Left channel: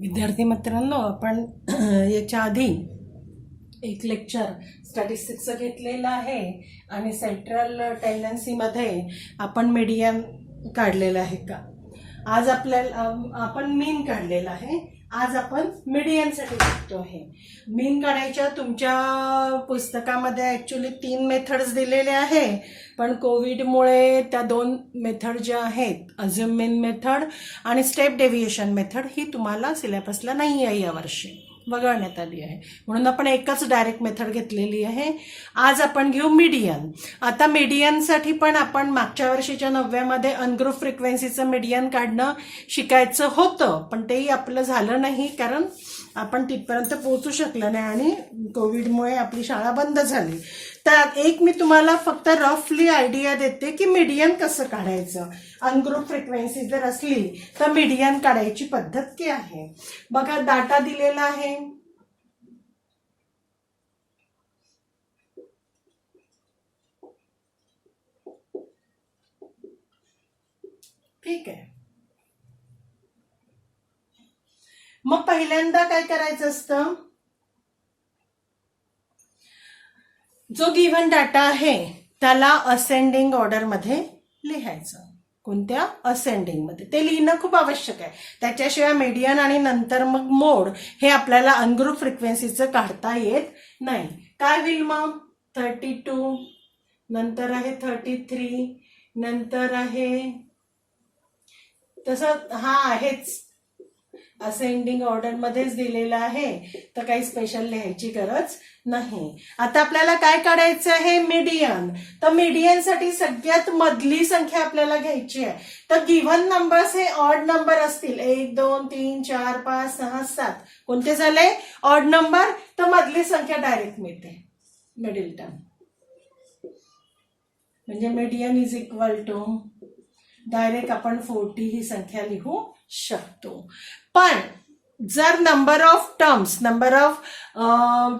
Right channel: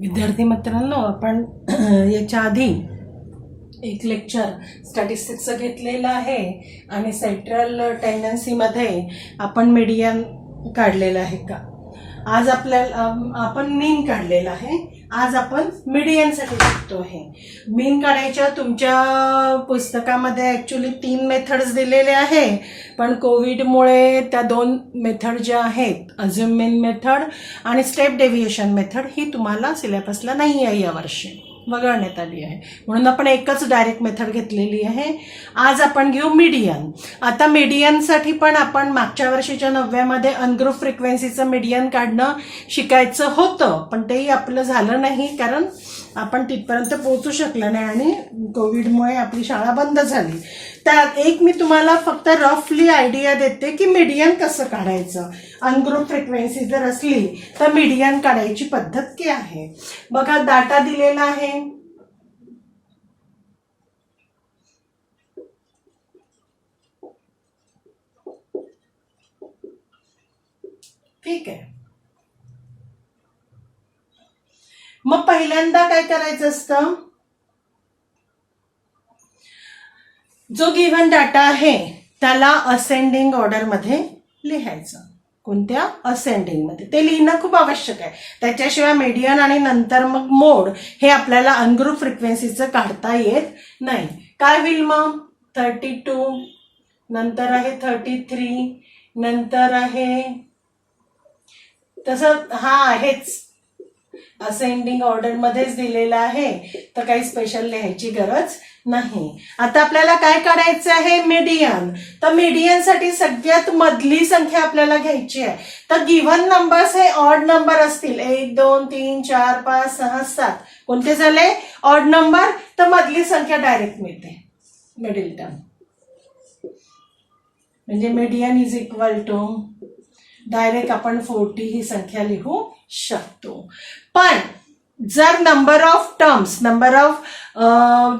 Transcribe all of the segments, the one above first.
विद्यार्थी मित्रांनो, आपण याच्या आधी एक लेक्चर स्टॅटिस्टिक्सचं घेतलेलं आहे आणि सेंट्रल टेंडन्सीमध्ये आपण मीडियन काढलेलं आहे का. आज आपण मीन काढलेला आहे. आज आपण मीडियनसाठी शिकतो आहे. मीन काढायच्या तुमच्या पुस्तकामध्ये ॲक्च्युली 3 मेथड्स दिलेले आहे, पण कोविडमुळे त्या 2 मेथड ज्या आहेत, अझ्युम मीन मेथड आणि स्टेप डेव्हिएशन मेथड, ही तुम्हाला सिलेबसला नाही आहे यावर्षी, वगळण्यात आली आहे. म्हणून आपण एकच डायरेक्ट मेथड घेतलेली आहे. आज आपण घेऊ मीडियन. आता मीडियनसाठी पण आपण मागच्या वर्षीच्या 9व्यामध्ये अनग्रुप फ्रिक्वेन्सीचं मीडियन काढणं शिकायचं होतं, पण तेही आपलं झालं नाही कारण आपण तिथपर्यंत पोहोचू शकलं नाही आणि कोविडमुळे आपली शाळा बंद झाली. त्यात एक मी तुम्हाला फक्त रफली आयडिया देते की मीडियन कसं काढायचं. अनग्रुप फ्रिक्वेन्सी जर असली तर मीडियन काढायची पद्धत काय आहे बघा. डाटा दिलेला आहे, ठीक आहे. मग पहिल्यांदा काय करायचं असतं, जो गिव्हन डाटा आहे त्याला असेंडिंग ऑर्डर मध्ये लिहायचं. कोणत्या? असेंडिंग मध्ये. ते लिहिणं खूप आवश्यक आहे. त्याच्याशिवाय मीडियन आणि नंतर मग मोड हे आपल्याला अनग्रुप फ्रिक्वेन्सीचं काढता येत नाही. काय होईल मग? 32, नंतर आहे 33, नंतर आहे तसं हा आहेच असेंडिंग ऑर्डर मध्येच दिलेला आहे, तर काही स्पेशल लिहायची गरज नाही. आता आपल्याला काय काढायचं आहे? मीडियन. तर मीडियनसाठी सगळ्यात मधली संख्या आपल्याला घ्यायची आहे. तर गिव्हन नंबर्स हे ऑड नंबर असतील. 1 2 3 4 5 6 7 कोणते झाले? Odd number. तर मधली संख्या डायरेक्ट मिळते, मिडिल टर्म. म्हणजे median is equal to direct आपण 40 ही संख्या लिहू शकतो. पण जर नंबर ऑफ टर्म्स,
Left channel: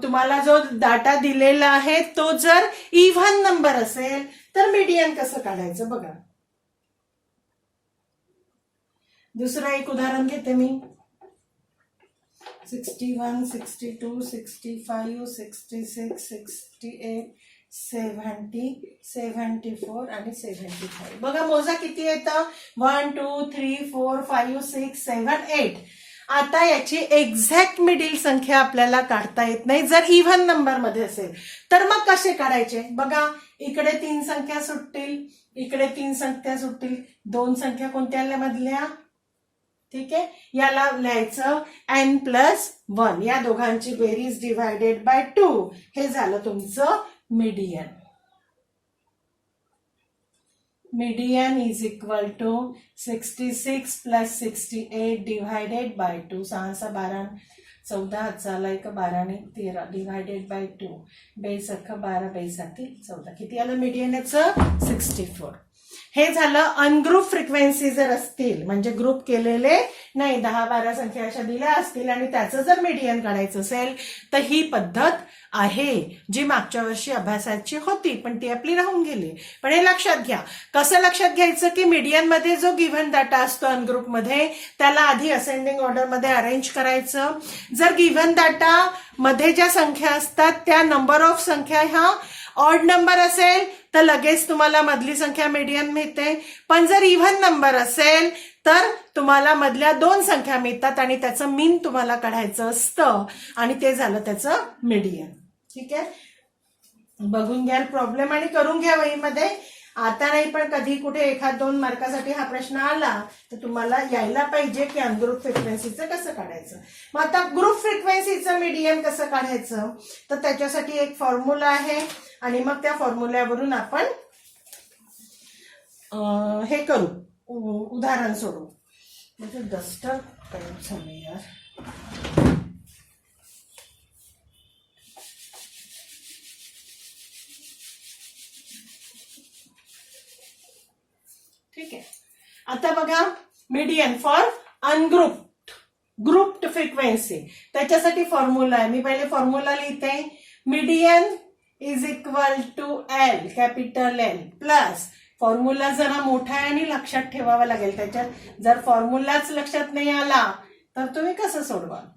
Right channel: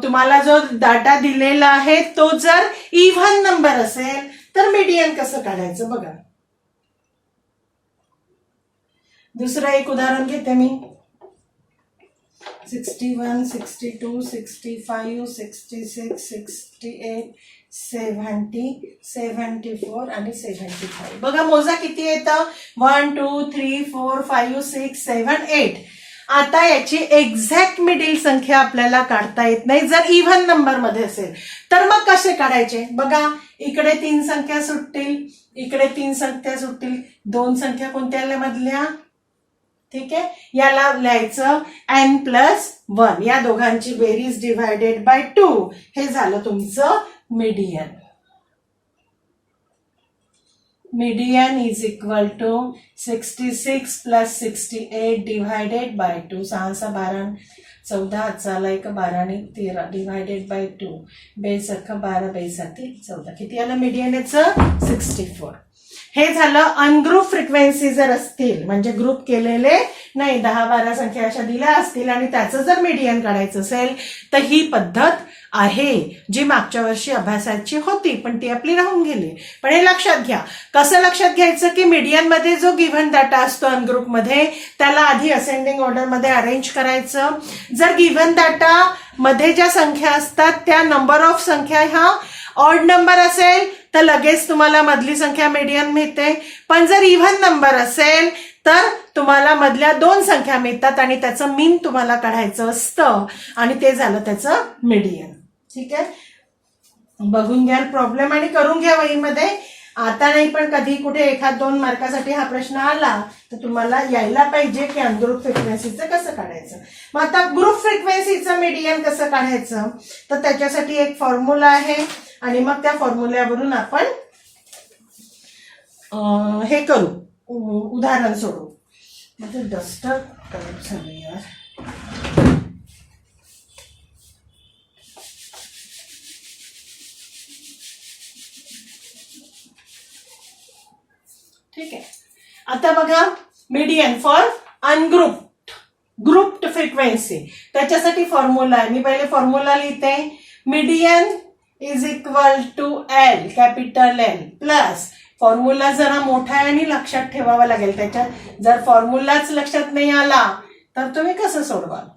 तुम्हाला जो डाटा दिलेला आहे तो जर इव्हन नंबर असेल तर मीडियन कसं काढायचं बघा. दुसरं एक उदाहरण घेते मी. 61, 62, 65, 66, 68, 70, 74 आणि 75. बघा मोजा किती येतं. 1 2 3 4 5 6 7 8. आता याची एक्झॅक्ट मिडिल संख्या आपल्याला काढता येत नाही जर इव्हन नंबर मध्ये असेल. तर मग कसे काढायचे बघा. इकडे 3 संख्या सुटतील, इकडे 3 संख्या सुटतील. 2 संख्या कोणत्या मधल्या? ठीक आहे, याला लिहायचं n+1. या दोघांची बेरीज डिवायडेड बाय 2. हे झालं तुमचं median. Median is equal to 66 + 68 divided by 2. 6 6 12, 14 चाला 1 12 आणि 13 डिवायडेड बाय 2. 2 सख 12, 2 7 14. किती आलं मीडियन याचं? 64. हे झालं अनग्रुप फ्रिक्वेन्सी जर असतील, म्हणजे ग्रुप केलेले नाही, 10 12 संख्या अशा दिल्या असतील आणि त्याचं जर मीडियन काढायचं असेल तर ही पद्धत आहे जी मागच्या वर्षी अभ्यासाची होती, पण ती आपली राहून गेली. पण हे लक्षात घ्या. कसं लक्षात घ्यायचं की मीडियन मध्ये जो गिव्हन डाटा असतो अनग्रुप मध्ये त्याला आधी असेंडिंग ऑर्डर मध्ये अरेंज करायचं. जर गिव्हन डाटा मध्ये ज्या संख्या असतात त्या नंबर ऑफ संख्या ह्या ऑड नंबर असेल तर लगेच तुम्हाला मधली संख्या मीडियन मिळते. पण जर इव्हन नंबर असेल तर तुम्हाला मधल्या 2 संख्या मिळतात आणि त्याचं मीन तुम्हाला काढायचं असतं आणि ते झालं त्याचं मीडियन. ठीक आहे, बघून घ्या प्रॉब्लेम आणि करून घ्या वहीमध्ये. आता नाही पण कधी कुठे 1-2 मार्कासाठी हा प्रश्न आला तर तुम्हाला यायला पाहिजे की अनग्रुप फ्रिक्वेन्सीचं कसं काढायचं. मग आता ग्रुप फ्रिक्वेन्सीचं मीडियन कसं काढायचं तर त्याच्यासाठी एक फॉर्म्युला आहे आणि मग त्या फॉर्म्युल्यावरून आपण हे करू, उदाहरण सोडू. म्हणजे डस्टर करत झालं यार. ठीक आहे, आता बघा मीडियन फॉर ग्रुप्ड फ्रिक्वेन्सी. त्याच्यासाठी फॉर्म्युला आहे. मी पहिले फॉर्म्युला लिहिते. Median is equal to L, capital L plus formula जरा मोठा आहे आणि लक्षात ठेवावा लागेल. त्याच्यात जर फॉर्म्युलाच लक्षात नाही आला तर तुम्ही कसं सोडवाल?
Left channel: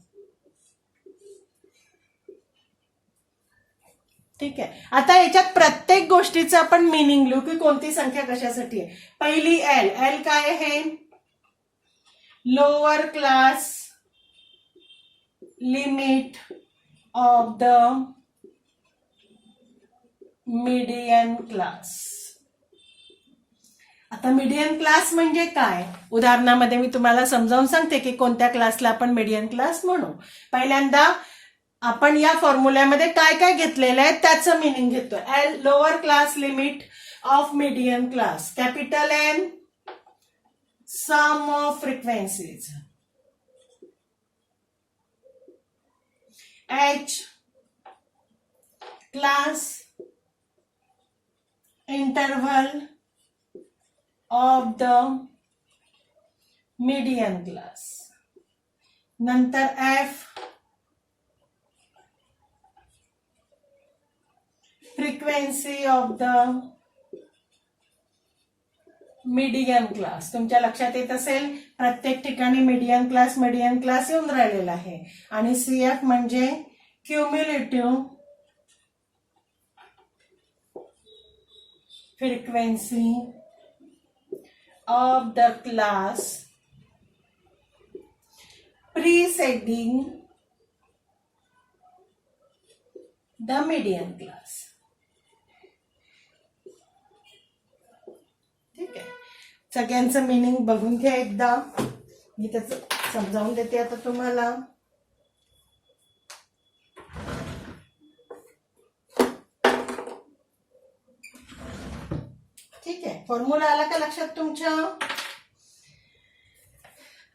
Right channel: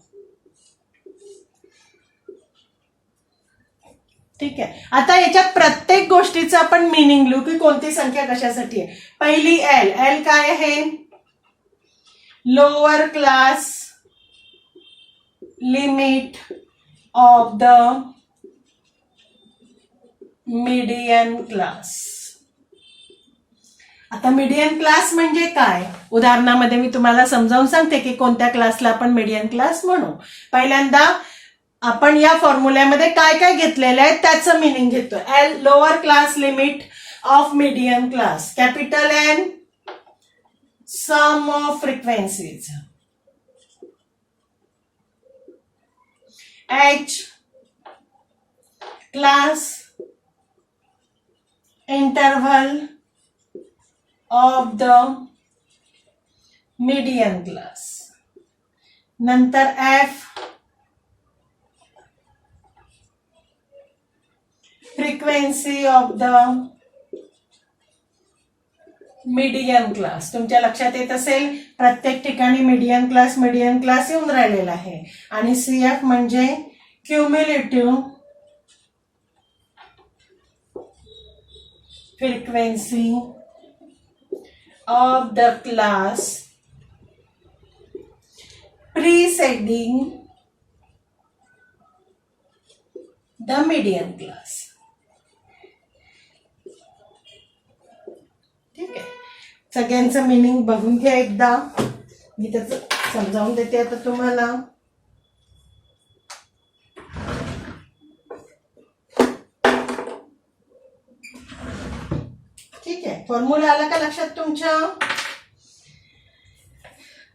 ठीक आहे. आता याच्या प्रत्येक गोष्टीचं आपण मिनिंग लिहू की कोणती संख्या कशासाठी आहे. पहिली एल. एल काय आहे? Lower class limit of the median class. आता मीडियन क्लास म्हणजे काय? उदाहरणामध्ये मी तुम्हाला समजावून सांगते की कोणत्या क्लासला आपण मीडियन क्लास म्हणू. पहिल्यांदा आपण या फॉर्म्युल्यामध्ये काय काय घेतलेलं आहे त्याचं मिनिंग घेतो. L lower class limit of median class. Capital N sum of frequencies. H class interval of the median class. नंतर F frequency of the median class. तुमच्या लक्षात येत असेल प्रत्येक ठिकाणी मीडियन क्लास येऊन राहिलेला आहे. आणि सीएफ म्हणजे cumulative frequency of the class preceding the median class. ठीक आहे. सगळ्यांचं मिनिंग बघून घ्या एकदा. मी त्याचं समजावून देते आता तुम्हाला. ठीक आहे. फॉर्म्युला आला का लक्षात तुमच्या?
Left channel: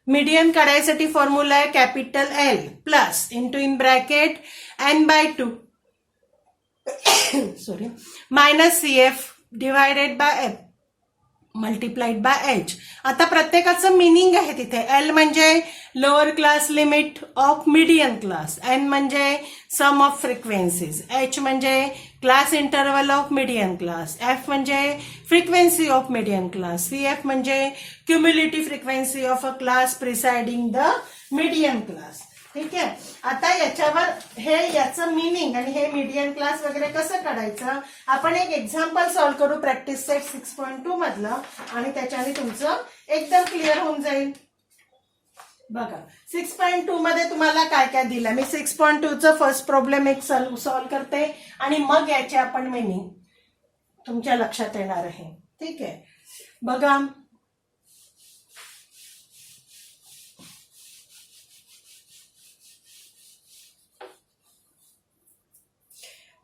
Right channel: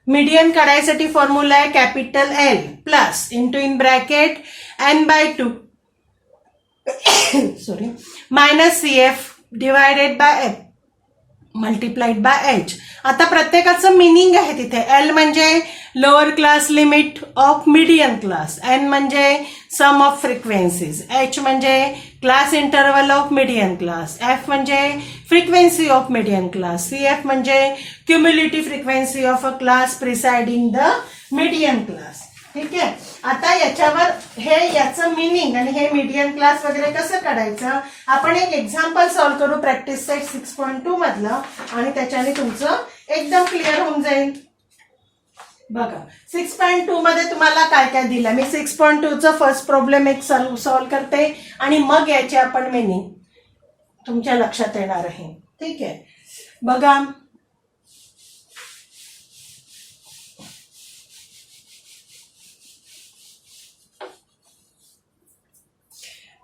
मीडियन काढायसाठी फॉर्म्युला आहे capital L plus into in bracket n/2 sorry minus CF divided by F multiplied by H. आता प्रत्येकाचं मिनिंग आहे तिथे. एल म्हणजे lower class limit of median class, N म्हणजे सम ऑफ फ्रिक्वेन्सीज, एच म्हणजे class interval of median class, F म्हणजे frequency of median class, CF म्हणजे cumulative frequency of a class preceding the median class. ठीक आहे. आता याच्यावर हे याचं मिनिंग आणि हे मीडियन क्लास वगैरे कसं काढायचं आपण एक एक्झाम्पल सॉल्व्ह करू प्रॅक्टिस सेट 6.2 मधलं आणि त्याच्याने तुमचं एकदम क्लिअर होऊन जाईल. बघा 6.2 मध्ये तुम्हाला काय काय दिलं. मी 6.2 चं फर्स्ट प्रॉब्लेम एक सॉल्व्ह करते आणि मग याचे आपण मिनिंग तुमच्या लक्षात येणार आहे. ठीक आहे. बघा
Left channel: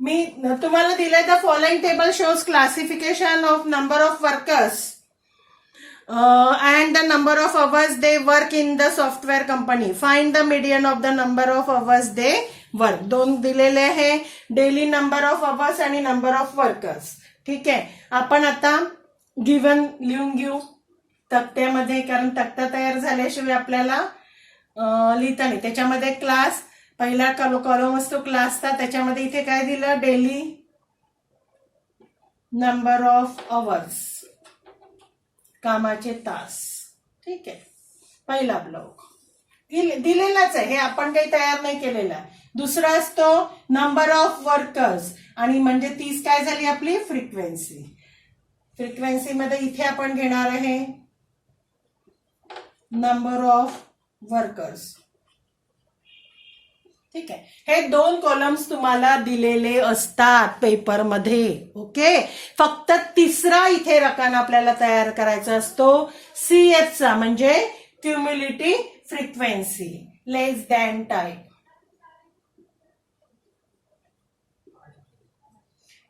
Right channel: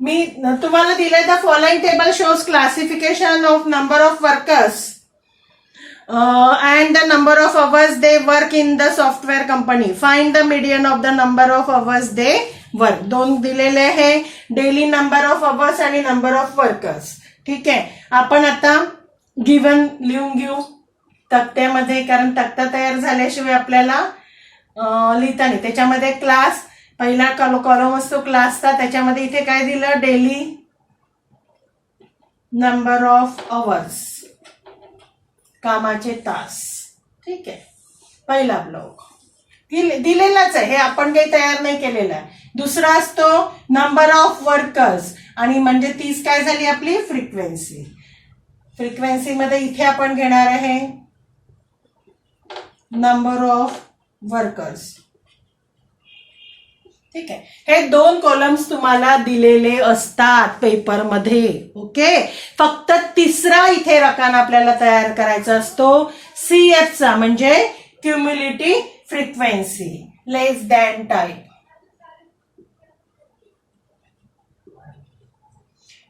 मी तुम्हाला दिले the following table shows classification of number of workers and the number of hours they work in the software company. Find the median of the number of hours they work. दोन दिलेले आहे डेली नंबर ऑफ अवर्स आणि number of workers. ठीक आहे. आपण आता given लिहून घेऊ तक्त्यामध्ये कारण तक्ता तयार झाल्याशिवाय आपल्याला लिहिता नाही. त्याच्यामध्ये क्लास पहिला कॉलम असतो क्लासचा. त्याच्यामध्ये इथे काय दिलं डेली नंबर ऑफ अवर्स कामाचे तास. ठीक आहे. पहिला ब्लॉक दिलेलाच आहे हे आपण काही तयार नाही केलेला आहे. दुसरा असतो नंबर ऑफ वर्कर्स आणि म्हणजे 30 काय झाली आपली फ्रिक्वेन्सी. फ्रिक्वेन्सी मध्ये इथे आपण घेणार आहे नंबर ऑफ वर्कर्स. ठीक आहे. हे दोन कॉलम्स तुम्हाला दिलेले असतात पेपरमध्ये. ओके. फक्त तिसरा इथे रकाना आपल्याला तयार करायचा असतो CF चा म्हणजे क्युम्युलेटिव्ह फ्रिक्वेन्सी लेस दॅन टाईप.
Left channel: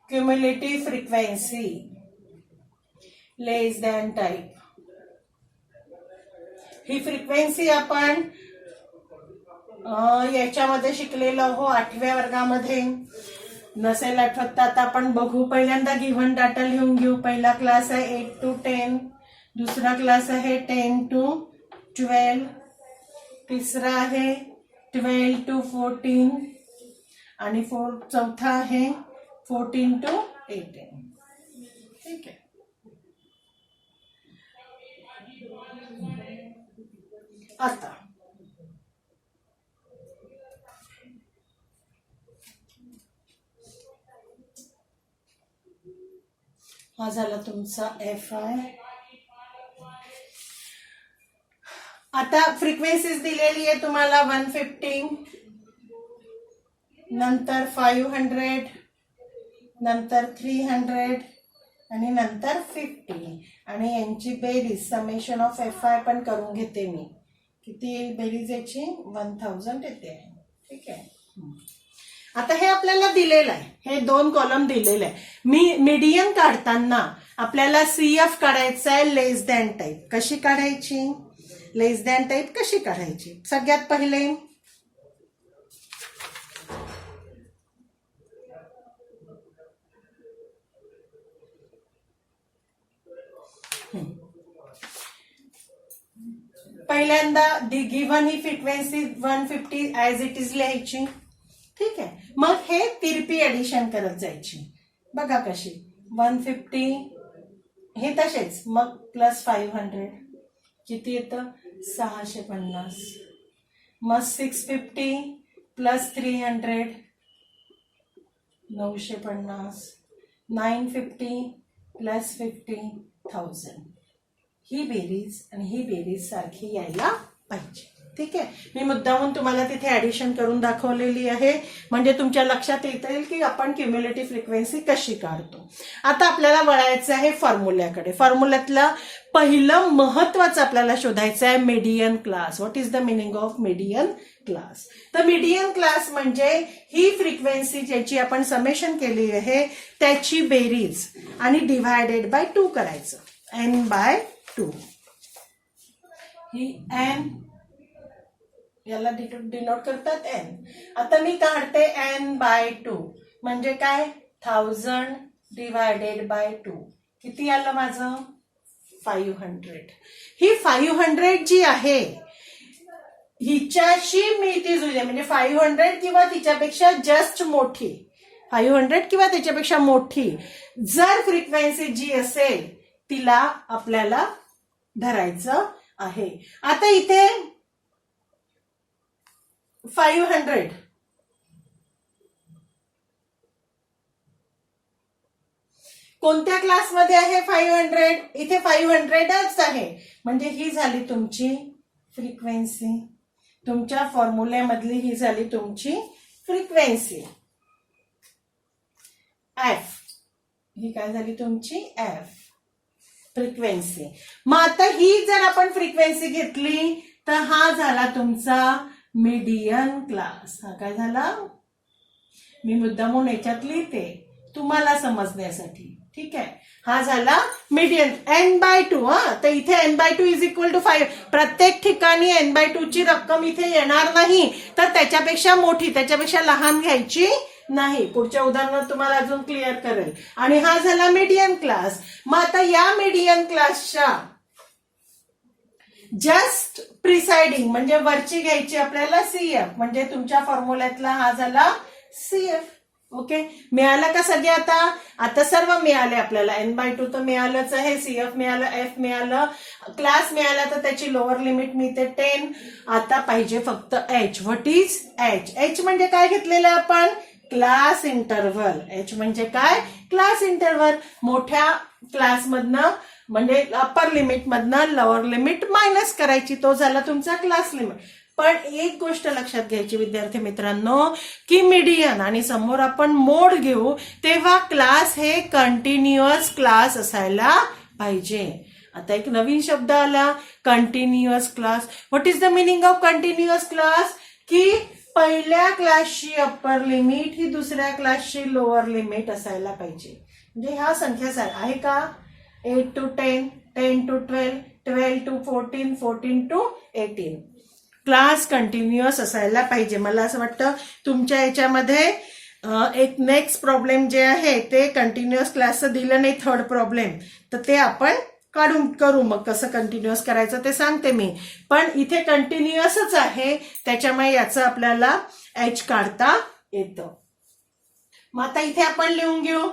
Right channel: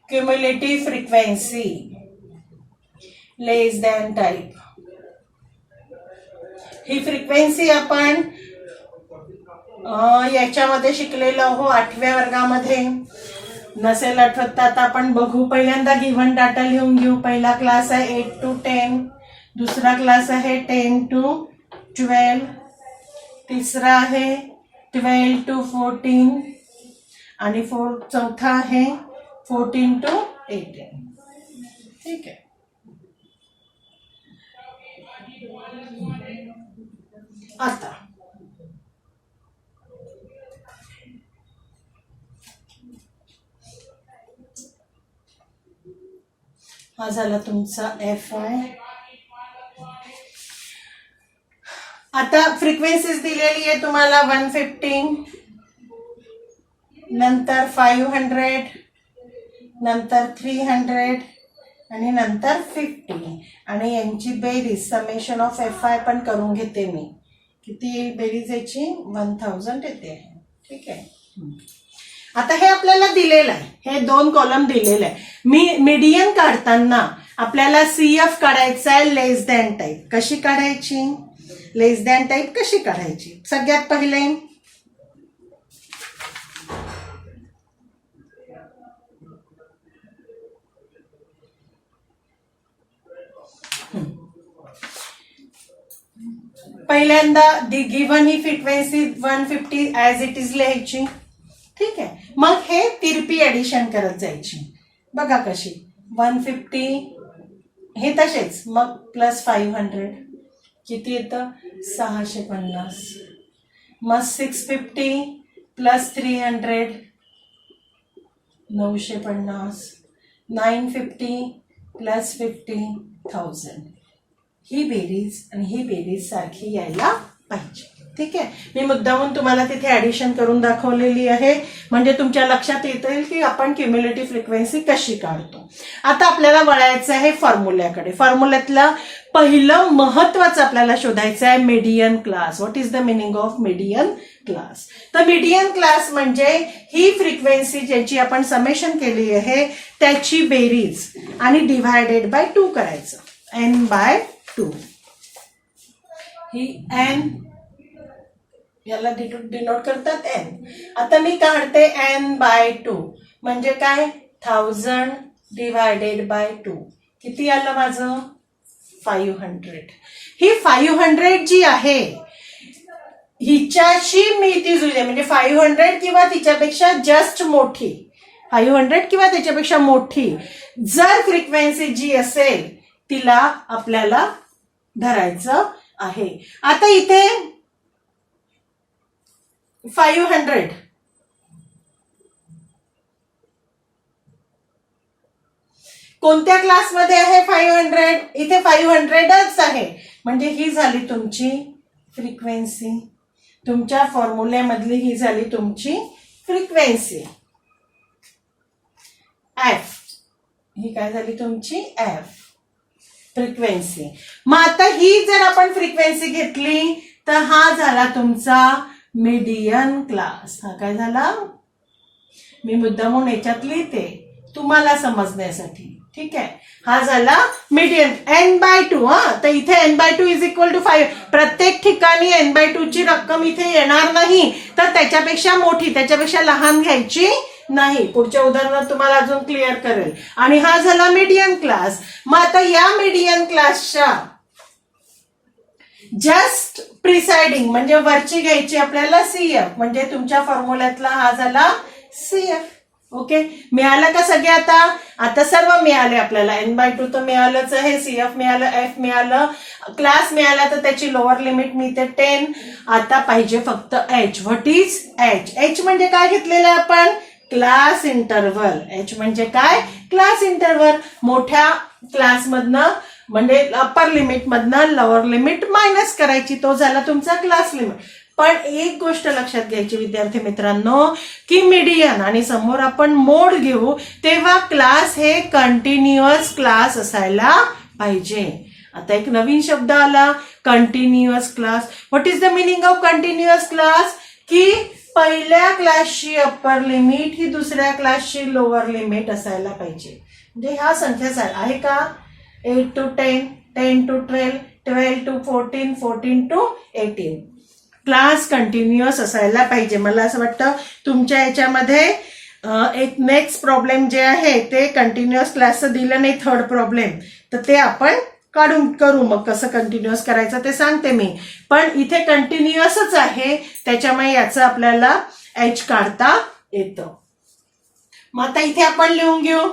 क्युम्युलेटिव्ह फ्रिक्वेन्सी लेस दॅन टाईप. ही फ्रिक्वेन्सी आपण याच्यामध्ये शिकलेलो हो 8व्या वर्गामध्ये. नसेल आठवत तर आता आपण बघू. पहिल्यांदा गिव्हन डाटा लिहून घेऊ. पहिला क्लास आहे 8 to 10, दुसरा क्लास आहे 10 to 12, तिसरा आहे 12 to 14 आणि चौथा आहे 14 to 18. ठीक आहे. आता हा झाला तुमचा FI. आता फ्रिक्वेन्सीज दिलेली आहे तुम्हाला 150, नंतर 500, नंतर 300 आणि नंतर 50 आणि यांची बेरीज समेशन ऑफ FI पण करून घेते मी. किती बेरीज याची 1000 येते. ठीक आहे. आता हे आपल्याला दिलेलं आहे, हे 2 कॉलम दिलेले आहे. मीडियन काढताना आपल्याला CF काढायचं आहे लेस दॅन टाईप. कशी काढायची? लेस दॅन टाईप कशी काढायची? सगळ्यात पहिले पहिल्यांदा given he frequency 150 as it is लिहायची. ठीक आहे. मग हे तिरपी ऍडिशन करत जायची. बघा कशी 150 हे तसेच, मग प्लस 500 किती येतं 650, मग 650 प्लस 300 950, 950 प्लस 50,000. ही बेरीज आणि ही बेरीज सारखी यायला पाहिजे. ठीक आहे. मी मुद्दामून तुम्हाला तिथे ऍडिशन करून दाखवलेली आहे, म्हणजे तुमच्या लक्षात येईल की आपण क्युम्युलेटिव्ह फ्रिक्वेन्सी कशी काढतो. आता आपल्याला वळायचं आहे फॉर्म्युल्याकडे. फॉर्म्युल्यातलं पहिलं महत्वाचं आपल्याला शोधायचं आहे median class. What is the meaning of median class? तर मीडियन क्लास म्हणजे ही फ्रिक्वेन्सी ज्याची आपण समेशन केली आहे त्याची बेरीज आणि डिव्हायडेड बाय 2 करायचं. n/2. ही n याला डिनोट करतात n. आता मी काढते n/2 म्हणजे काय 1000 डिवायडेड बाय 2. किती आलं माझं 500. ही 500 जी आहे हिच्याशी मी ती जुळते, म्हणजे 500 किंवा तिच्यापेक्षा जस्ट मोठी, 500 किंवा त्याच्यापेक्षा मोठी जर फ्रिक्वेन्सी जी असेल तिला आपल्याला धरायचं आहे. आता इथे 500 कोणत्या क्लासमध्ये आहे 500? इथे 500च आहे, म्हणजे ही झाली तुमची फ्रिक्वेन्सी. तुमच्या फॉर्म्युल्यामधली ही झाली तुमची फ्रिक्वेन्सी F. ही काय झाली तुमची F फ्रिक्वेन्सी. मग आता ही जर आपण फ्रिक्वेन्सी घेतली तर हा झाला तुमचा मीडियन क्लास. हा काय झाला? मी मुद्दामून याच्यात लिहिते तुम्हाला समजण्यासाठी. ठीक आहे. हा झाला मीडियन n/2. तर इथे n/2 इज इक्वल टू 5. प्रत्येक ठिकाणी n/2 ची रक्कम इथे येणार नाही, तर त्याच्यापेक्षा मोठी त्याच्यापेक्षा लहान घ्यायची नाही. पुढच्या उदाहरणात तुम्हाला अजून क्लिअर करेल. आणि हा झाला मीडियन क्लास. मग आता या मीडियन क्लासच्या जस्ट प्रिसाइडिंग म्हणजे वरची घ्यायची आपल्याला CF, म्हणजे तुमच्या फॉर्म्युल्यातला हा झाला CF. ओके. मिळालं का सगळे? आता सर्व मिळाले आपल्याला. n/2 तर मिळालंच आहे, CF मिळालं, F मिळालं, क्लास मिळाला, तर त्याची लोअर लिमिट मिळते 10. आता पाहिजे फक्त H. What is H? H म्हणजे काय घेतलेलं आपण? Class interval. H म्हणजे काय? Class interval. मोठ्या क्लासमधनं म्हणजे अप्पर लिमिट मधनं लोअर लिमिट मायनस करायची. तो झाला तुमचा क्लास लिमिट. पण एक गोष्ट लक्षात घ्यायची विद्यार्थी मित्रांनो, की मीडियन आणि समोर आपण मोड घेऊ तेव्हा क्लास हे कंटिन्युअस क्लास असायला पाहिजे. आता एक नवीन शब्द आला, continuous class. What is the meaning of continuous class? की पहिल्या क्लासची अप्पर लिमिट ही दुसऱ्या क्लासची लोअर लिमिट असायला पाहिजे. म्हणजे ह्या संख्या आहे का? 8 to 10, 10 to 12, 12 to 14, 14 to 18. Class continuous असायला पाहिजे. मला असं वाटतं तुमच्या याच्यामध्ये एक नेक्स्ट प्रॉब्लेम जे आहे ते कंटिन्युअस क्लासचं दिलं नाही, थर्ड प्रॉब्लेम, तर ते आपण करू. मग कसं कंटिन्युअस करायचं ते सांगते मी. पण इथे कंटिन्युअसच आहे, त्याच्यामुळे याचं आपल्याला H काढता येतं. मग आता इथे आपण लिहून घेऊ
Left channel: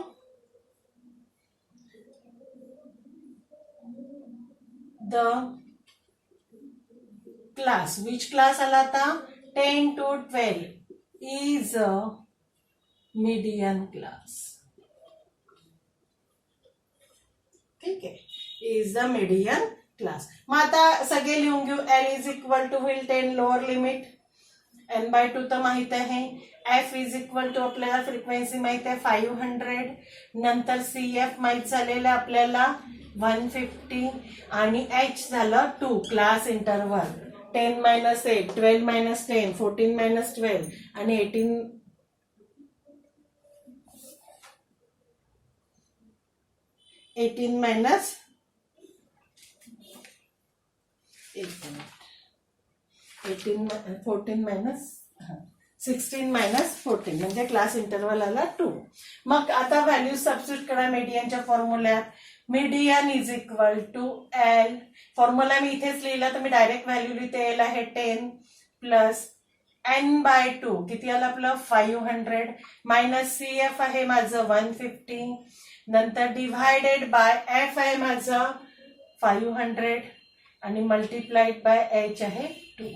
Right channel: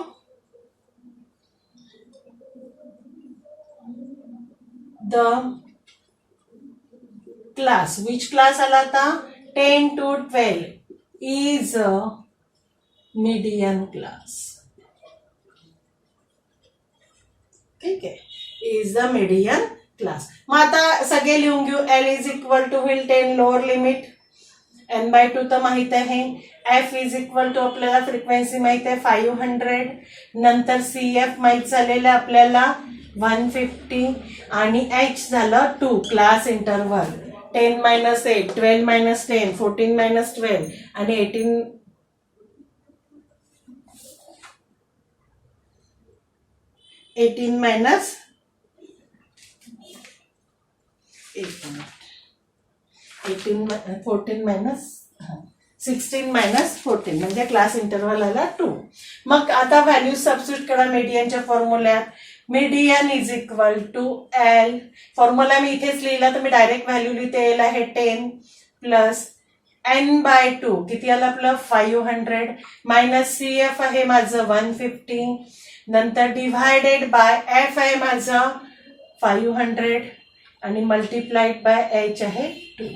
द क्लास. विच क्लास आला आता? 10 to 12 is a median class. ठीक आहे, इज द मीडियन क्लास. मग आता सगळे लिहून घेऊ. एल इज इक्वल टू होईल 10 लोअर लिमिट, n/2 तर माहित आहे. एफ इज इक्वल टू आपल्याला फ्रिक्वेन्सी माहित आहे 500. नंतर CF माहित झालेलं आपल्याला 150 आणि H झालं 2 क्लास इंटरव्हल. 10 - 8, 12 - 10, 14 - 12 आणि 18 मायनस 16 मायनस 14 म्हणजे क्लास इंटरव्हल आला 2. मग आता व्हॅल्यू सबस्टिट्यूट करा मीडियनच्या फॉर्म्युल्यात. Median is equal to L. Formula मी इथेच लिहिला तर मी डायरेक्ट व्हॅल्यू लिहिते. एल आहे 10 प्लस n/2 किती आलं आपलं 500 मायनस CF आहे माझं 150 नंतर डिव्हायडेड बाय एफ आहे माझं 500 आणि मल्टिप्लाइड बाय H आहे 2.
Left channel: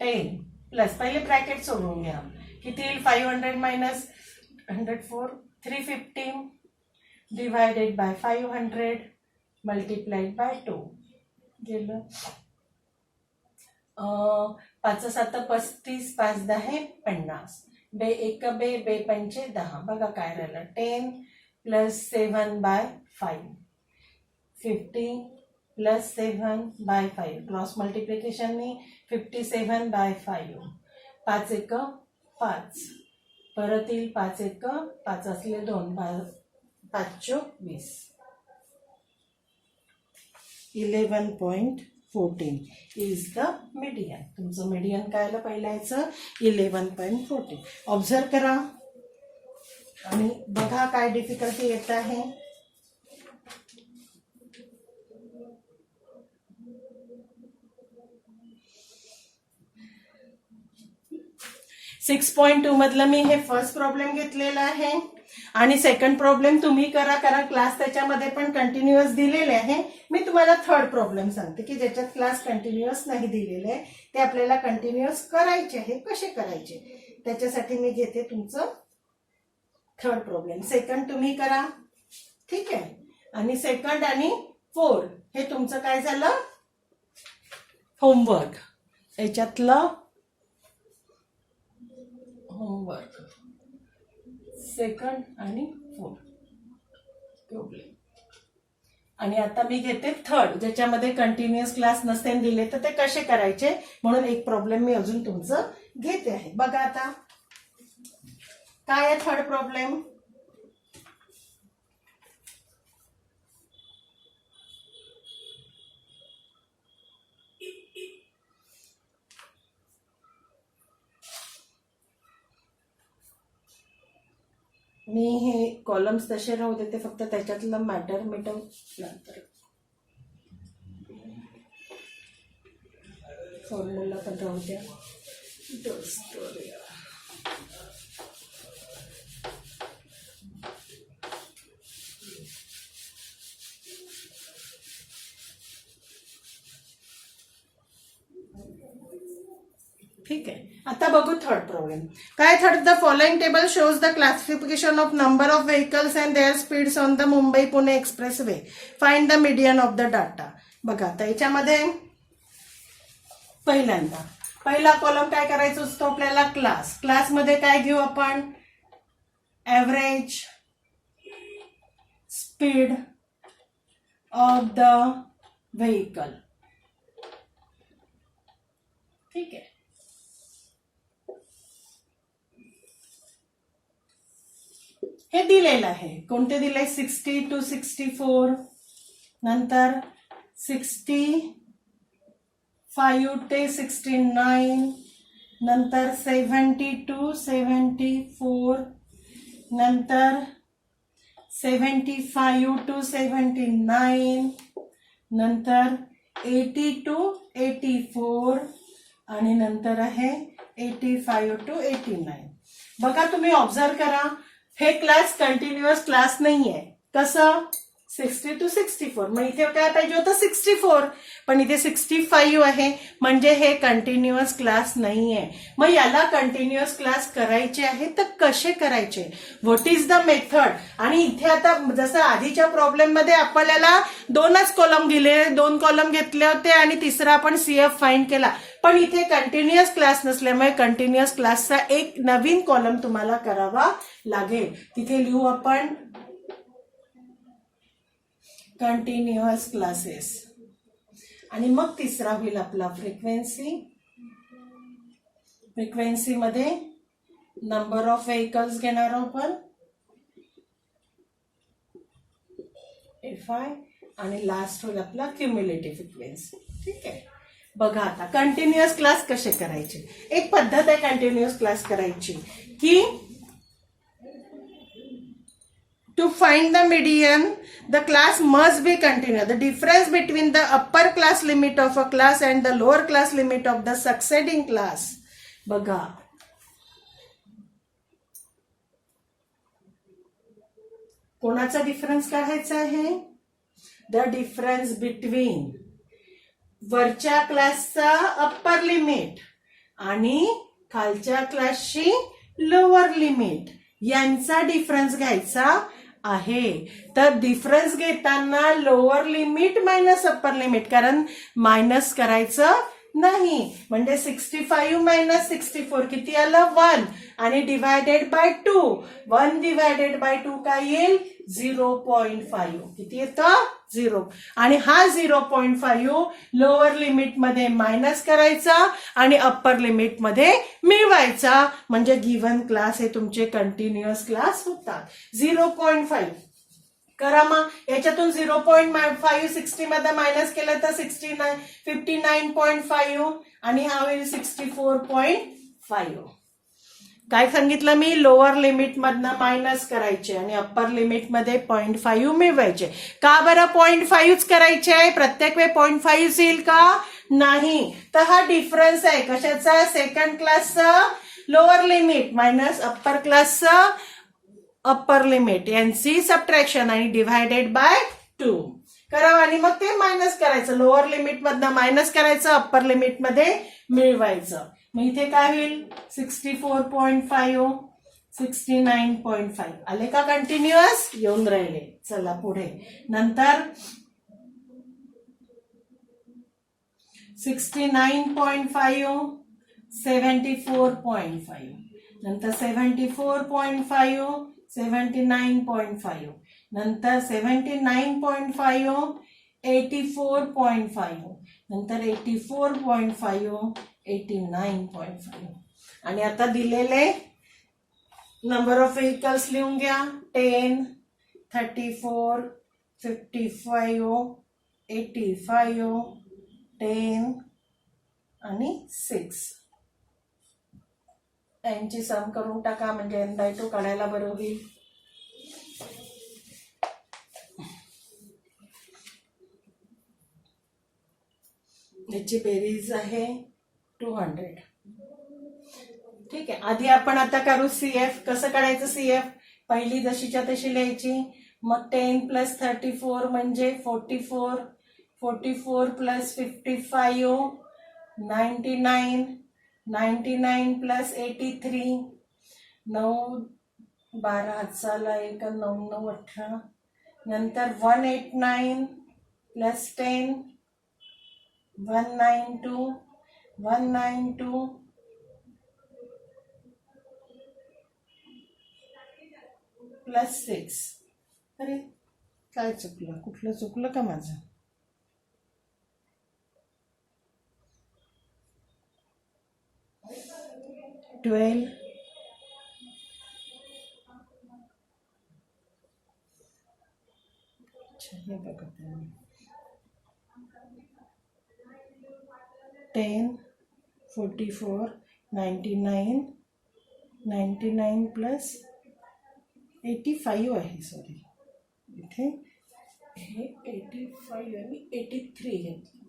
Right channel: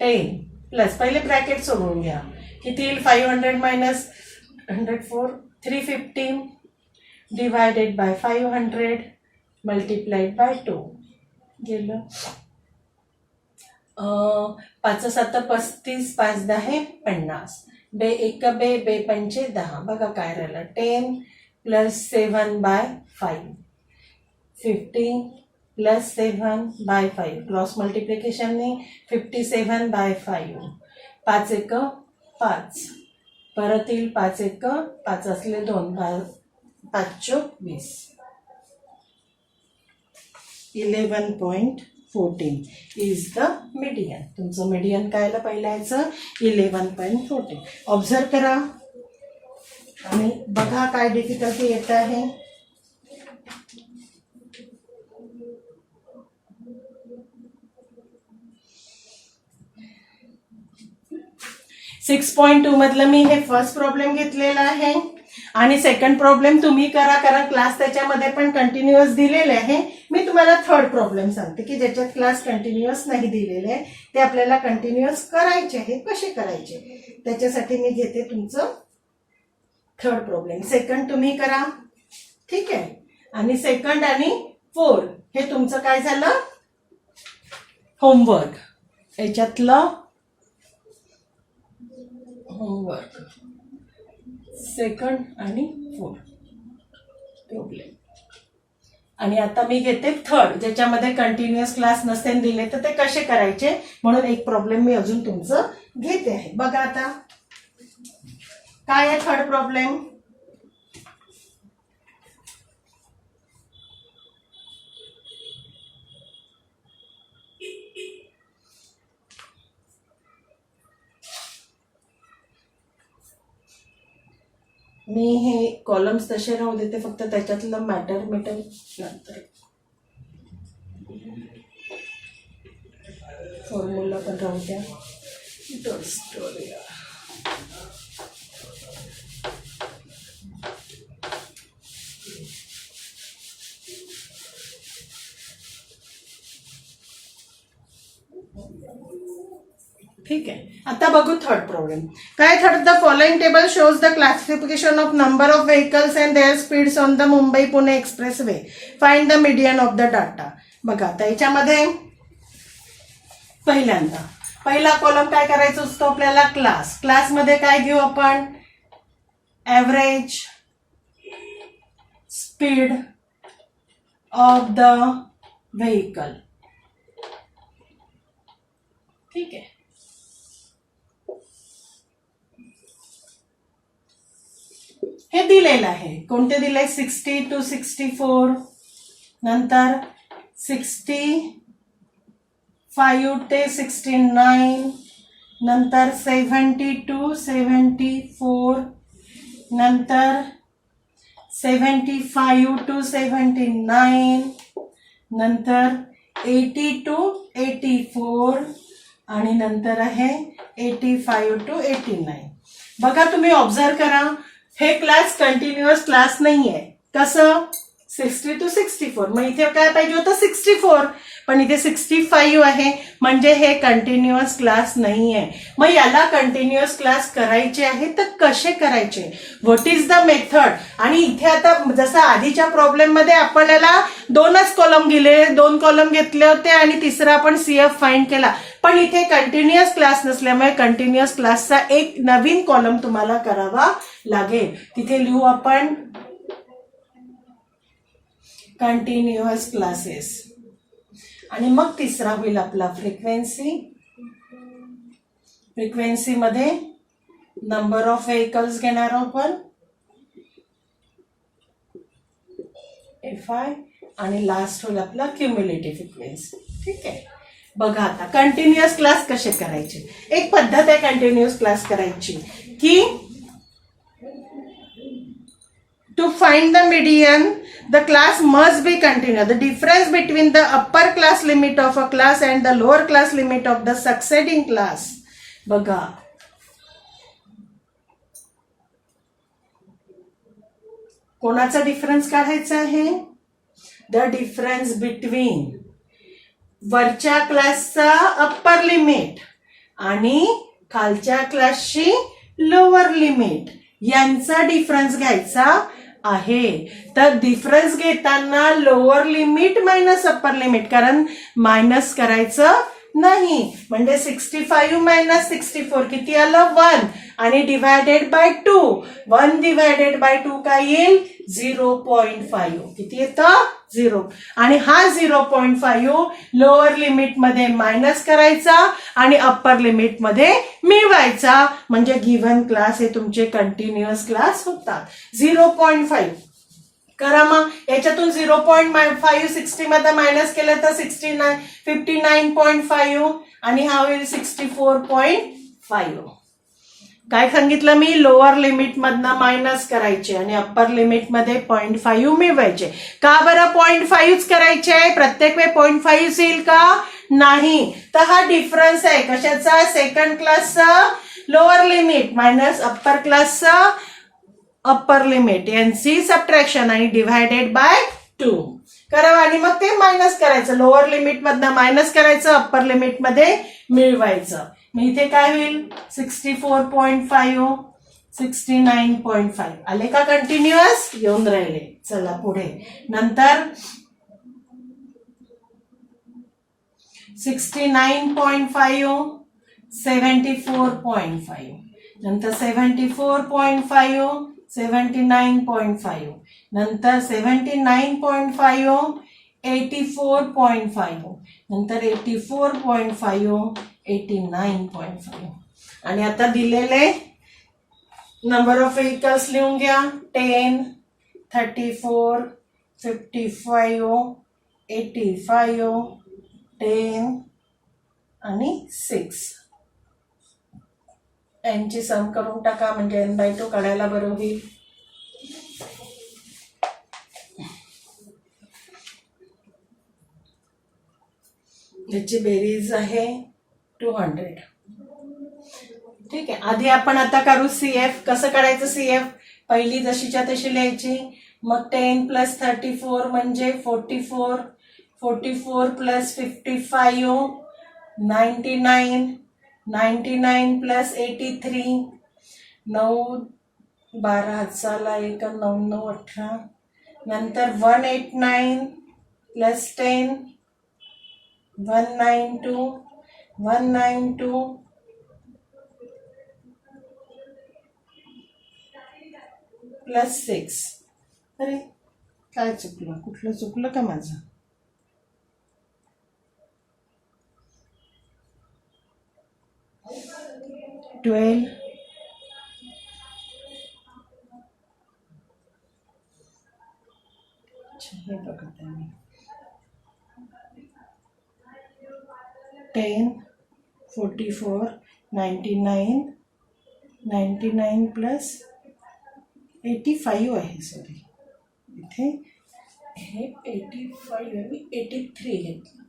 10 प्लस पहिले ब्रॅकेट सोडून घ्या. किती येईल 500 minus 104 315 divided by 500 multiplied by 2 गेलं. 5 × 7 = 35 5 × 10 = 50 बे 1 बे बे 5 = 10. बघा काय राहिलं 10 प्लस 7/5 50 प्लस 7/5 क्रॉस मल्टिप्लिकेशननी 57/5 5 × 1 = 5 परत येईल 5 × 1 = 5 असले 2 5 × 20 11.14 इज द मीडियन. तुमचं मीडियन काय आलं पहिल्याचं 11.14. ऑब्झर्व करा आणि बघा काय डिफिकल्टी येत आहे. 6.2 मधलं मी हे फर्स्ट प्रॉब्लेम घेतलेला आहे आणि सेकंड प्रॉब्लेम तुम्ही करा कारण क्लास त्याच्यामध्ये पण कंटिन्युअस दिलेले आहे. मी तुम्हाला थर्ड प्रॉब्लेम सांगते की ज्याच्यात क्लास कंटिन्युअस नाही दिलेले आहे ते आपल्याला कंटिन्युअस करायचे आहे. कसे करायचे त्याच्यासाठी मी घेते तुमचं थर्ड प्रॉब्लेम. सेकंड तुम्ही करा ठीक आहे आणि सेकंड आणि फोर्थ हे तुमचं काय झालं होमवर्क. याच्यातलं होमवर्क सेकंड आणि फोर्थ प्रॉब्लेम. आणि आता मी घेते थर्ड ज्याच्यामध्ये कंटिन्युअस क्लास नसते दिले तर ते कसे करायचे म्हणून एक प्रॉब्लेम मी अजून तुमचं घेते आहे. बघा आता काय आहे थर्ड प्रॉब्लेम. मी हे कॉलम्स तसे राहू देते फक्त त्याच्यातलं मॅटर नंतर फॉर्म्युला पण राहू द्या. ठीक आहे. आता बघू थर्ड प्रॉब्लेम काय. Third the following table shows the classification of number of vehicles and their speeds on the Mumbai Pune expressway. Find the median of the data. बघा आता याच्यामध्ये पहिल्यांदा पहिला कॉलम काय करायचा असतो आपल्याला क्लास. क्लासमध्ये काय घेऊ आपण average speed of the vehicle. ठीक आहे. हे दिलेलं आहे कोणते दिले 60 to 64 नंतर 65 ते 69 नंतर 70 to 74 नंतर 75 to 79 नंतर 80 to 84 आणि नंतर आहे 85 to 89. बघा तुम्ही ऑब्झर्व करा हे क्लास कंटिन्युअस क्लास नाहीये. कसं 60 to 64. मग इथे काय पाहिजे होतं 64, पण इथे 65 आहे, म्हणजे हे कंटिन्युअस क्लास नाही आहे. मग याला कंटिन्युअस क्लास करायचे आहे तर कसे करायचे, व्हॉट इज द मेथड. आणि इथे आता जसं आधीच्या प्रॉब्लेम मध्ये आपल्याला 2च कॉलम दिले, 2 कॉलम घेतले होते आणि तिसरा आपण CF फाइंड केला. पण इथे कंटिन्युअस क्लास नसल्यामुळे कंटिन्युअस क्लासचा एक नवीन कॉलम तुम्हाला करावा लागेल. तिथे लिहू आपण कंटिन्युअस क्लासेस. आणि मग तिसरा होईल आपला फ्रिक्वेन्सी. फ्रिक्वेन्सी मध्ये नंबर ऑफ व्हेकल्स घेणार आपण FI, आणि लास्ट होईल आपला क्युम्युलेटिव्ह फ्रिक्वेन्सी. ठीक आहे. बघा आता कंटिन्युअस क्लास कसे करायचे. एक पद्धत आहे कंटिन्युअस क्लास करायची की to find the median, the class must be continuous. The difference between the upper class limit of a class and the lower class limit of the succeeding class. बघा कोणाचा difference काढायचा आहे. The difference between वरच्या क्लासचा upper limit आणि खालच्या क्लासची lower limit यांचा डिफरन्स घ्यायचा आहे. तर डिफरन्स घेताना lower limit minus upper limit, कारण मायनस करायचं नाही. म्हणजे 65 मायनस 64 किती आलं 1, आणि डिवायडेड बाय 2. 1 डिवायडेड बाय 2 काय येईल 0.5. किती येतं 0. आणि हा 0.5 लोअर लिमिट मध्ये मायनस करायचा आणि अप्पर लिमिट मध्ये मिळवायचा, म्हणजे गिव्हन क्लास हे तुमचे कंटिन्युअस क्लास होतात. 0.5 करा. मग याच्यातून 0.5 60 मध्ये मायनस केलं तर 59.5 आणि हा होईल 64.5. काय सांगितलं मी, लोअर लिमिट मधनं मायनस करायचे आणि अप्पर लिमिट मध्ये 0.5 मिळवायचे. का बरं 0.5 करायचे, प्रत्येक वेळ 0.5 येईल का नाही. तर हा डिफरन्स आहे कशाचा, सेकंड क्लासचा लोअर लिमिट मायनस अप्पर क्लासचा अप्पर लिमिट यांची सबट्रॅक्शन आणि डिवायडेड बाय 2 करावं. आणि मग ते मायनस करायचं, लोअर लिमिट मधनं मायनस करायचं, अप्पर लिमिट मध्ये मिळवायचं. मग इथे काय होईल 64.5 69.5 आले का कंटिन्युअस, येऊन राहिले. चला पुढे. नंतर 69.5 74.5, नंतर 74.5 79.5, नंतर 79.5 84.5, नंतर 84.5 89.5. आणि आता दिलेले नंबर ऑफ व्हेकल्स लिहून घ्या. 10 34 55 85 10 आणि 6. यांची सम करून टाका, म्हणजे n/2 काढायला बरं होईल. याची बेरीज आहे 200. ठीक आहे. आधी आपण आता करू CF. कसं काढायचं CF, पहिली जशीच्या तशी लिहायची. मग 10 प्लस 34 म्हणजे 44, 44 प्लस 55 99, 99 प्लस 83 9 12 हातचाला 1 9 9 18, नंतर 189 प्लस 10 192 192 प्लस 6. अरे काय चुकलं, कुठलं चुकलं का माझं. ट्वेल्व हे बघत आहे मी. 10 44 99 99 प्लस 85 आहे. सॉरी इथे हे 85 आणि 83 घेतलं.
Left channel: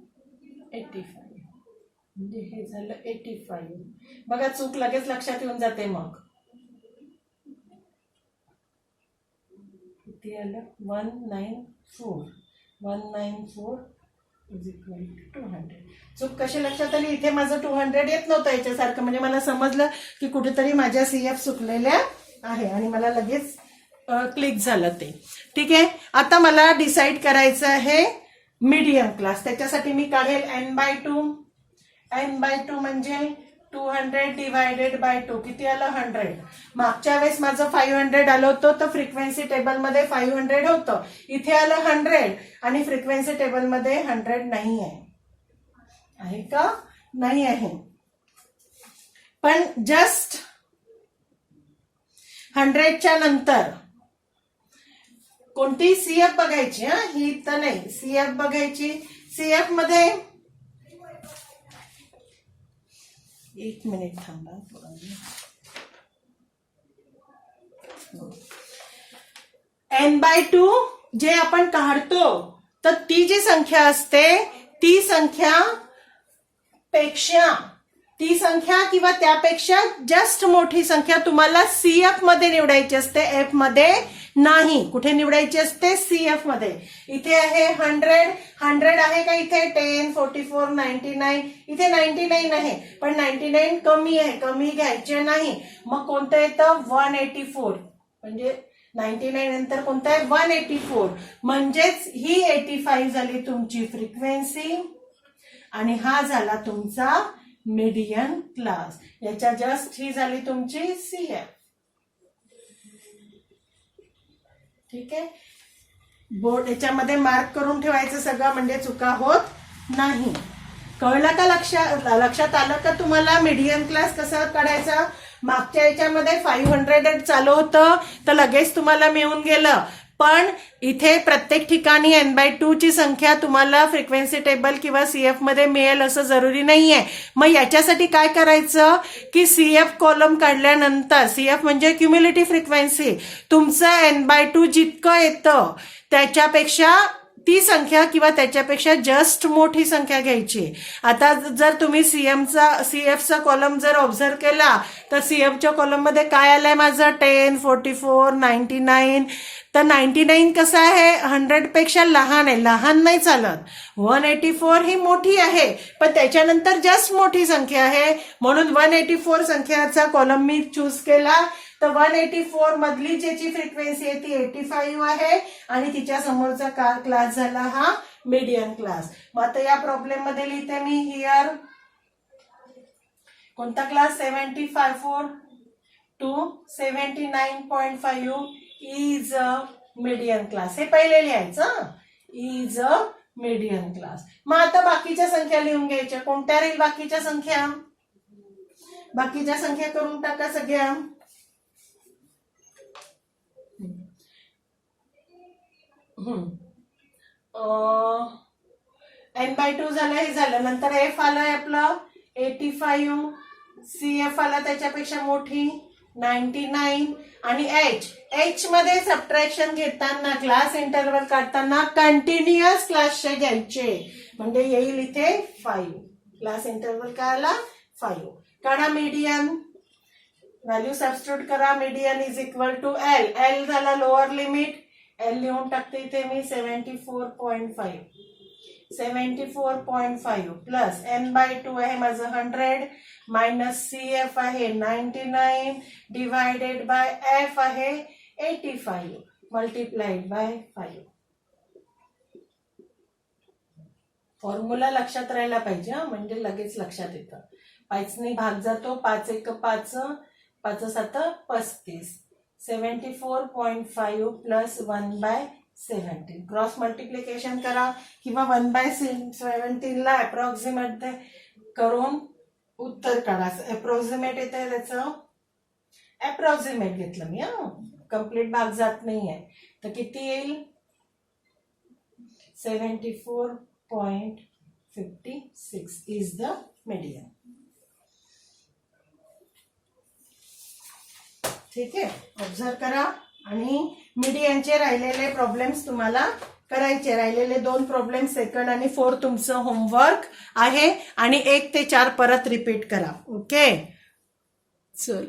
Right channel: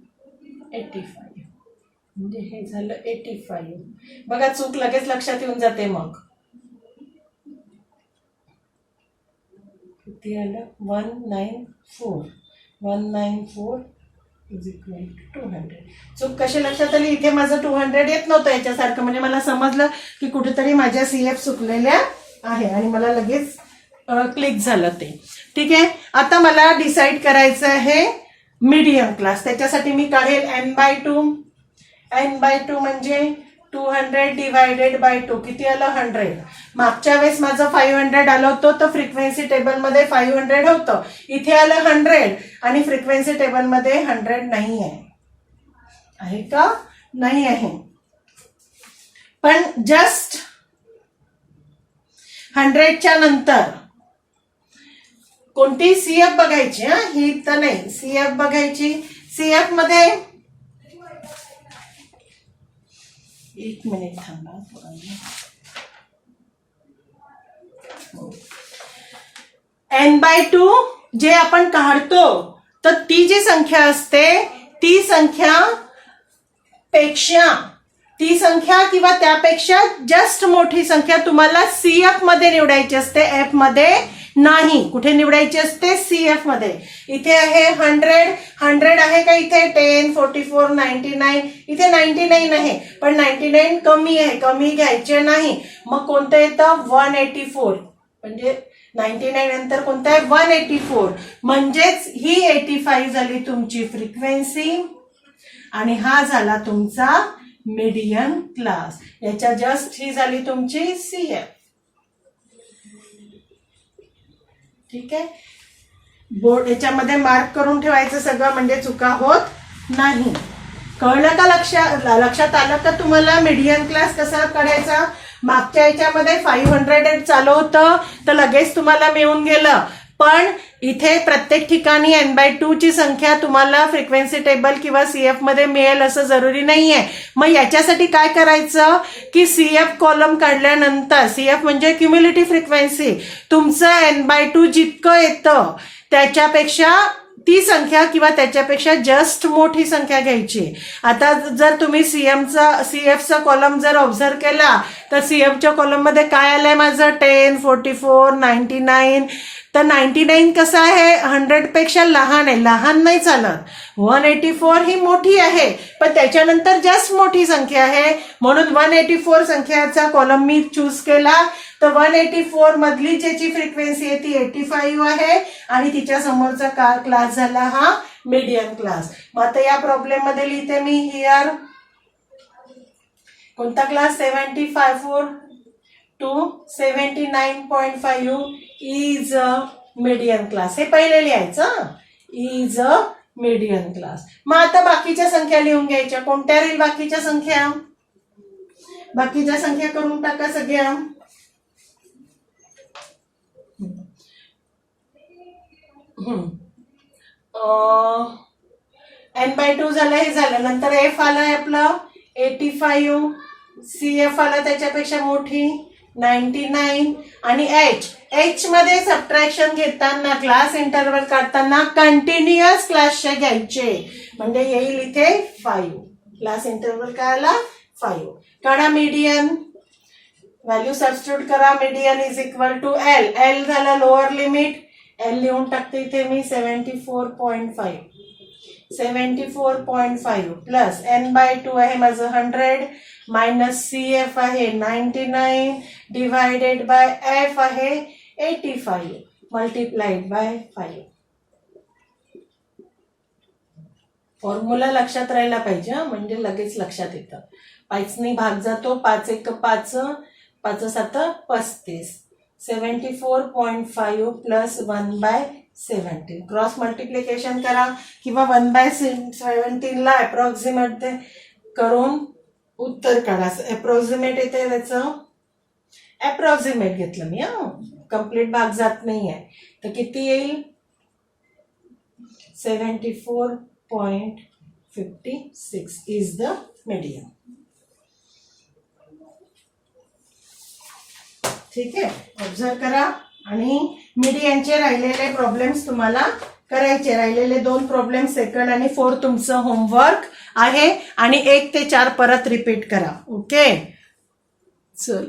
85 म्हणजे हे झालं 85. बघा चूक लगेच लक्षात येऊन जाते. मग किती आलं 194 इज इक्वल टू 200. चूक कशी लक्षात आली? इथे माझं 200 येत नव्हतं याच्यासारखं, म्हणजे मला समजलं की कुठेतरी माझ्या CF चुकलेल्या आहे आणि मला लगेच क्लिक झालं ते. ठीक आहे, आता मला डिसाईड करायचं आहे मीडियम क्लास. त्याच्यासाठी मी काढेल n/2. n/2 म्हणजे 200 डिवायडेड बाय 2. किती आलं? 100. मागच्या वेळेस माझं 500 आलं होतं, तर फ्रिक्वेन्सी टेबलमध्ये 500 होतं. इथे आलं 100 आणि फ्रिक्वेन्सी टेबलमध्ये 100 नाही आहे का? नाही आहे. पण जस्ट 100च्या नंतर कोणती CF बघायची, ही तर नाही, CF बघायची. CF मध्ये एक मिनिट थांबा. n/2 जे आपण काढतो, तर ती जी संख्या असते ती संख्या किंवा त्यापेक्षा जस्ट मोठी संख्या तुम्हाला CF मध्ये निवडायची असते, F मध्ये नाही. कुठे निवडायची असते? CF मध्ये. इथे आहे 100 आहे का? इथे 10, 44, 99. इथे 99 आहे, पण 99 कमी आहे, कमी घ्यायचे नाही. मग कोणतं येतं? 184. म्हणजे 99 नंतर कोणतं आहे? 184. म्हणजेच ही 85 झाली तुमची फ्रिक्वेन्सी आणि हा झाला तुमचा मीडियम क्लास. याच्या जस्ट ही झाली तुमची CF. ठीक आहे, बोर्ड याच्यामध्ये मार्क करून ठेवायचं सगळं, म्हणजे चुका होत नाही. कळलं का? लक्षात आलं का तुम्हाला मीडियम क्लास कसा काढायचा? मागच्या याच्यामध्ये 500 चालू होतं, तर लगेच तुम्हाला मिळून गेलं. पण इथे प्रत्येक ठिकाणी n/2 ची संख्या तुम्हाला फ्रिक्वेन्सी टेबल किंवा CF मध्ये मिळेल असं जरुरी नाहीये. मग याच्यासाठी काय करायचं की CF कॉलम काढल्यानंतर, CF म्हणजे क्युम्युलेटिव्ह फ्रिक्वेन्सी, तुमचं n/2 जितकं येतं त्याच्यापेक्षा ती संख्या किंवा त्याच्यापेक्षा जस्ट मोठी संख्या घ्यायची. आता जर तुम्ही CFचा कॉलम जर ऑब्झर्व केला, तर CFच्या कॉलम मध्ये काय आलंय माझं? 10, 44, 99. तर 99 कसं आहे? 100 पेक्षा लहान आहे, लहान नाही चालत. 184 ही मोठी आहे, पण त्याच्यानंतर जस्ट मोठी संख्या आहे, म्हणून 184 संख्याचा कॉलम मी चूज केला. तर 184 मधली ज्याची फ्रिक्वेन्सी आहे ती 85 आहे आणि तिच्या समोरचा क्लास झाला हा मीडियम क्लास. मग आता या प्रॉब्लेम मध्ये लिहिते मी हिअर कोणता class? 75 to 79.5 is a medium class. हे पहिले लिहायचं, इज अ मीडियम क्लास. मग आता बाकीच्या संख्या लिहून घ्यायच्या. कोणत्या राहील बाकीच्या संख्या? बाकीच्या संख्या करून टाका सगळ्या. n/2 झालं, हे झालं. नंतर F आलाय आपलं 85, CF आला त्याच्यापेक्षा मोठी 99 आणि H मध्ये सबट्रॅक्शन घेताना, क्लास इंटरवल काढताना कंटिन्युअस क्लासचे घ्यायचे, म्हणजे येईल इथे 5. क्लास इंटरवल काय आला? 5. काढा मीडियन, व्हॅल्यू सबस्टिट्यूट करा. Median is equal to L झाला लोअर लिमिट. L लिहून टाकते इथे मी 74.5. 74.5 प्लस n/2 आहे माझं 100 मायनस CF आहे 99 डिवायडेड बाय F आहे 85 मल्टिप्लाइड बाय 5. फॉर्म्युला लक्षात राहायला पाहिजे, म्हणजे लगेच लक्षात येतं. 5ने भाग जातो, 5 1 5, 5 7 35. 74.5 प्लस 1/17. क्रॉस मल्टिप्लिकेशन करा किंवा 1/17ला अप्रॉक्सिमेट करून उत्तर काढा. अप्रॉक्सिमेट येते त्याचं, अप्रॉक्सिमेट घेतलं मी, कंप्लीट भाग जात नाहीये. तर किती येईल? 74.56 इज द मीडियम. ठीक आहे, ऑब्झर्व करा. आणि मीडियनचे राहिलेले प्रॉब्लेम्स तुम्हाला करायचे. राहिलेले 2 प्रॉब्लेम सेकंड आणि 4 तुमचं होमवर्क आहे आणि 1 ते 4 परत रिपीट करा. ओके, चल.